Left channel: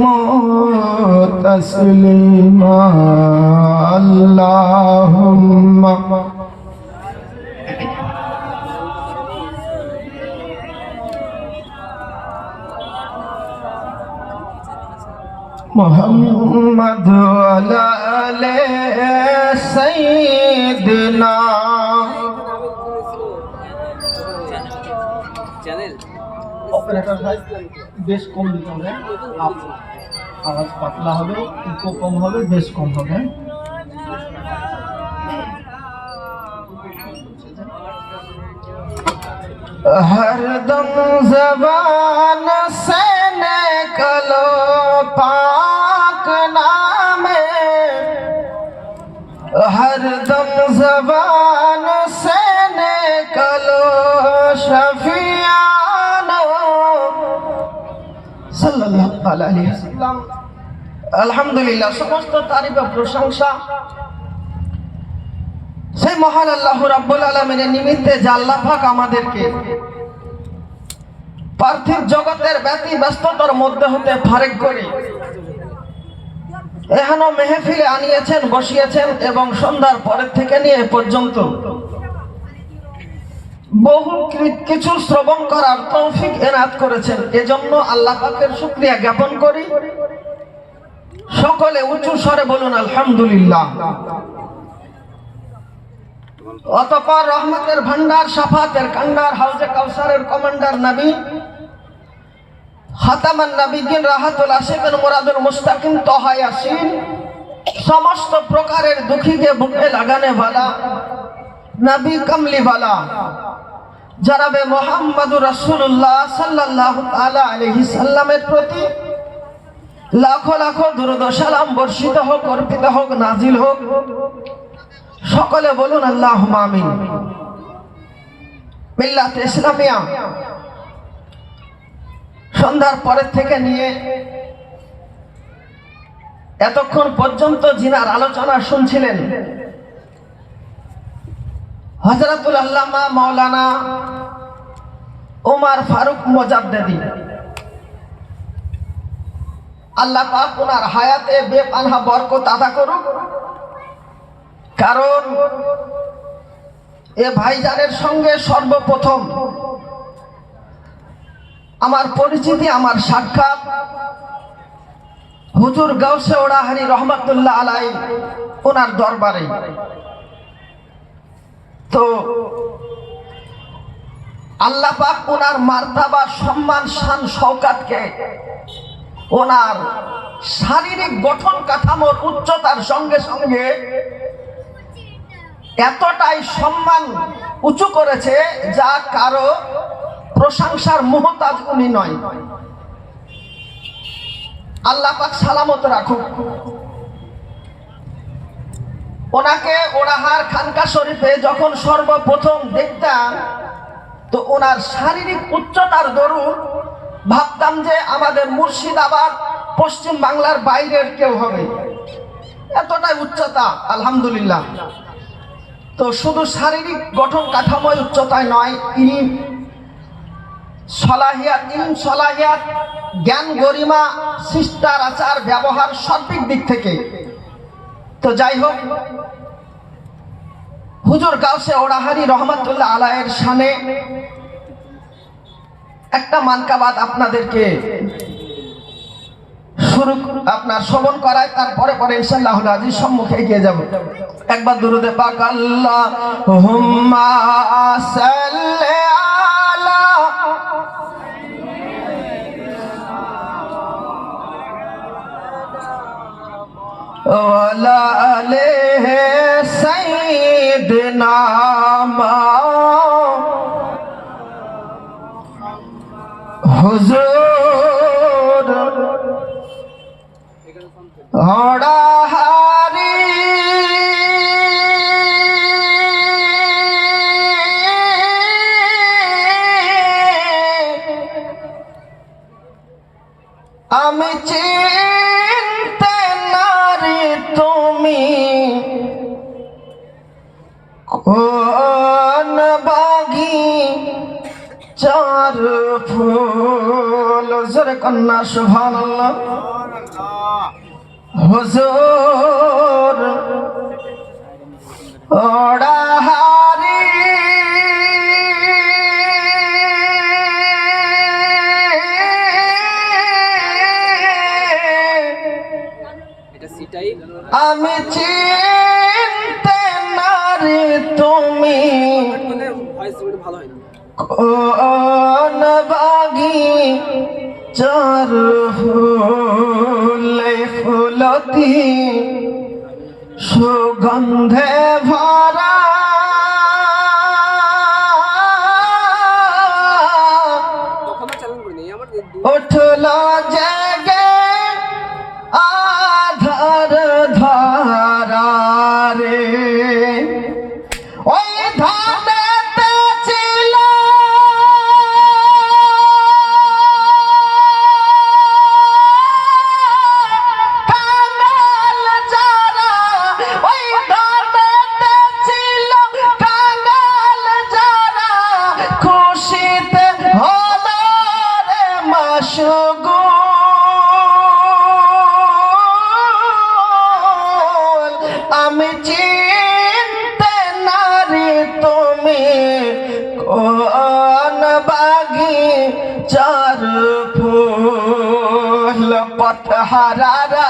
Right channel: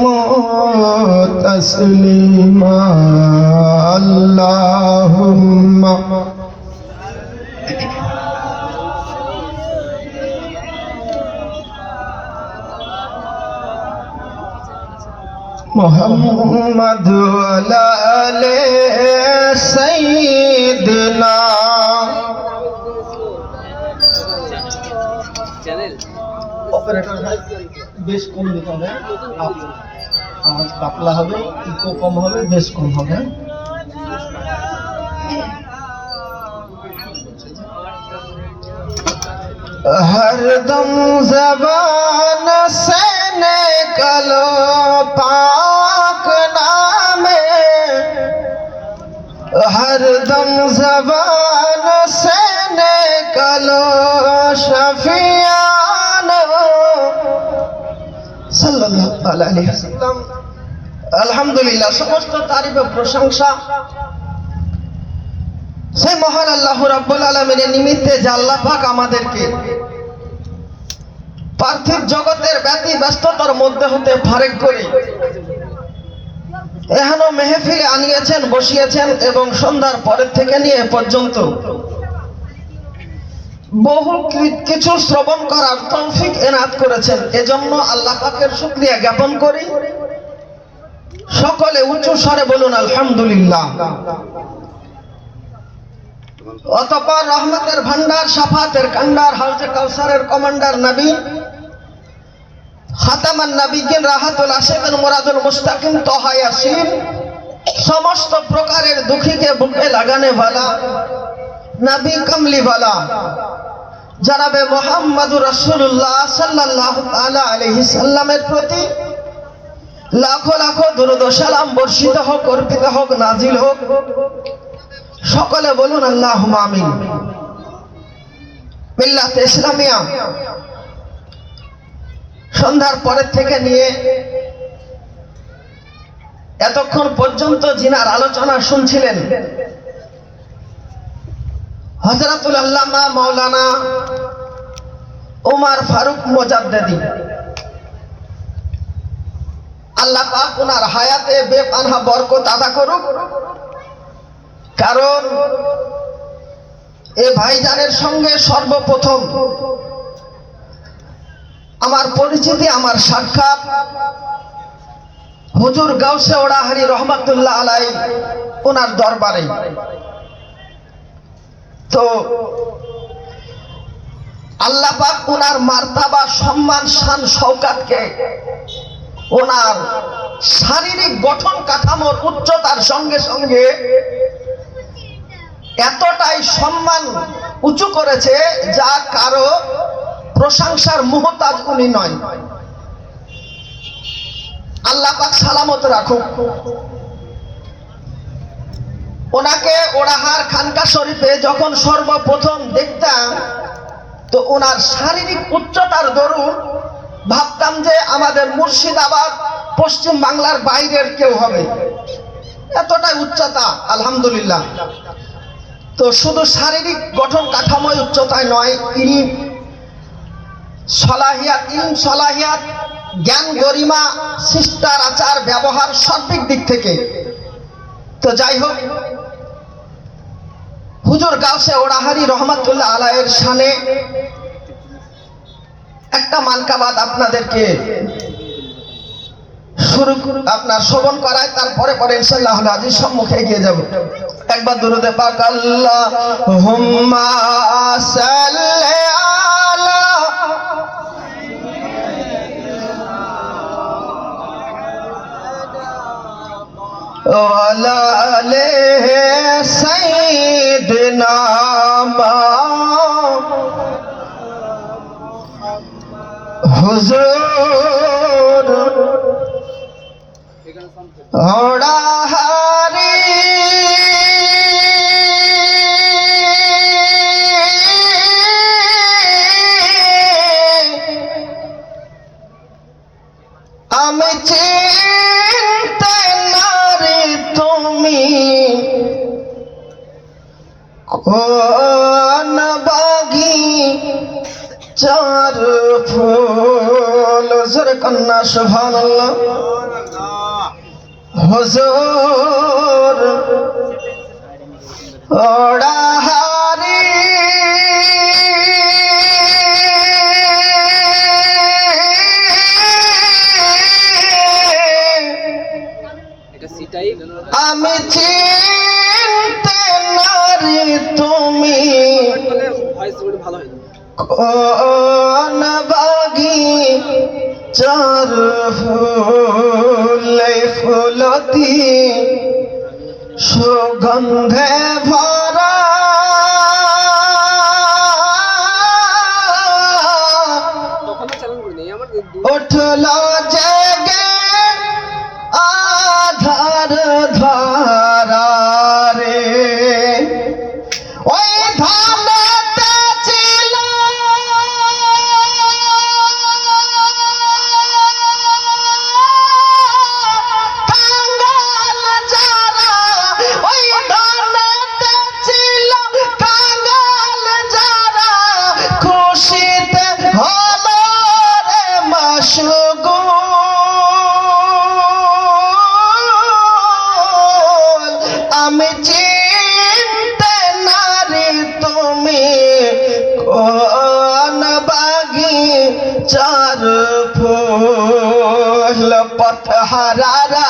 وسلموا تسليما اللهم محمد وعلى آل سيدنا operator ভাই বেশ কম দিতে হবে। আপ আওয়াজ পাতলা হবে, ইকো কম হবে, বেশ কম হবে। হরদম জবান সে নিকলো পাক নামে। হরদম জবান সে নিকলো শফিয়া আলহামদুলিল্লাহ, সমস্ত তারিফ প্রশংসা সেই মহান আল্লাহ রাব্বুল আলামিনের নিমিত্তে যে আল্লাহ পাক আমাদেরকে পার্থিব জগতের ব্যতি ব্যস্ততার মধ্যে হতে ফারেক করে এখানো মেহফিলে আনিয়েছেন, বসিয়েছেন এবং সন্ধ্যার পরের থেকে নিয়ে পর্যন্ত বহু কিছু শ্রবণ করার তৌফিক এনাত করেছেন। এজন্য আল্লাহ পাকের শুক্রিয়া জ্ঞাপন করি। সকলে উঁচু স্বরে বলুন, আলহামদুলিল্লাহ। অতপর রহমতের ভান্ডার সাফাতের কান্ডার হাউজে কাউসারের কমান্ডার নবী হাতামান নবীগিন রাহাতুল আশিকিন, মুরাদুল মুস্তাকিম তহা ইয়াসিন সমস্ত প্রকারের দুঃখীকে বুকে লাগানে ভালা নবী কমলি ভালা জানাবে মোহাম্মদুর রাসূলুল্লাহ সাল্লাল্লাহু তাআলা আলাইহি সাল্লামের প্রতি। লাখো লাখো দুরুদ সালাম বর্ষিত হোক, অর্পিত হোক, নাজিল হোক। সকলে বলুন আল্লাহ আমিন। মিল্লাত ইসলামিয়া। সন্ধ্যার পরের থেকে নিয়ে এতক্ষণ পর্যন্ত জিনার আলোচনা শুনছিলেন। হজরতুল আল্লামা মাওলানা উমার ফারুক মোজাদ্দেদি। আল্লাহ পাক ওনার হায়াতে বেপানহা বরকত আদা করুক। কারণ এ ভাইজানের সঙ্গে সর্বপ্রথম আমার পরিচিতি, আমার সাক্ষাৎ হুজুর গাউসে ওড়াহারি রহমতুল্লাহ আলাই ওনার দরবারে। তো আল্লাহ পাক ওনার মার্তাবা, সম্মান, শান শৌকাতকে ওনার শারীরিক গঠন কাঠামোর উচ্চতার সঙ্গে সঙ্গে এতটাই সম্মান উঁচু করেছে যা কারও প্রশংসার মোহতাজ উনি নয়। আল্লাহ পাক সালামত রাখুক। ওনাকে ওড়াহার খানকা শরীফে যখন সর্বপ্রথম দেখতাম তো ওনার শারীরিক উচ্চতার দরুন ভাবতাম যে আমাদের মুর্শিদাবাদ পশ্চিম বাংলার বাইরের কেউ হবে। এতটাই উচ্চতা, আলহামদুলিল্লাহ। তো শুধু শারীরিক গঠন কাঠামোয় উচ্চতায় নয় ইল সলাহিয়াত ইল সলাহিয়াত জ্ঞান গরিমা শিষ্টার আচার ব্যবহার সর্বিক দিক থেকে। তো যাই হোক হুজুর কাউসে ওড়াহারি রহমাতুল্লাহ আলায়ের সানে একটা মানকাবাদ আপনাদেরকে শুরু আপনার শ্রবণ করায় তারপরে পরে ইনশাল্লাহ আজিজ সম্মুখে এগিয়ে যাব। একবার দুরুদে পাক আল্লাহ হুম্মা সাল্লি হুজুর। ওড়াহারি আমি চিনতে নারি তুমি কোন বাগি চার ফুল। জোর কন্যা হজর হুজুর চার ফুলে ফুলতি সুগন্ধে ভরা উঠল জেগে আধার ধারা রে ওই পথহারারা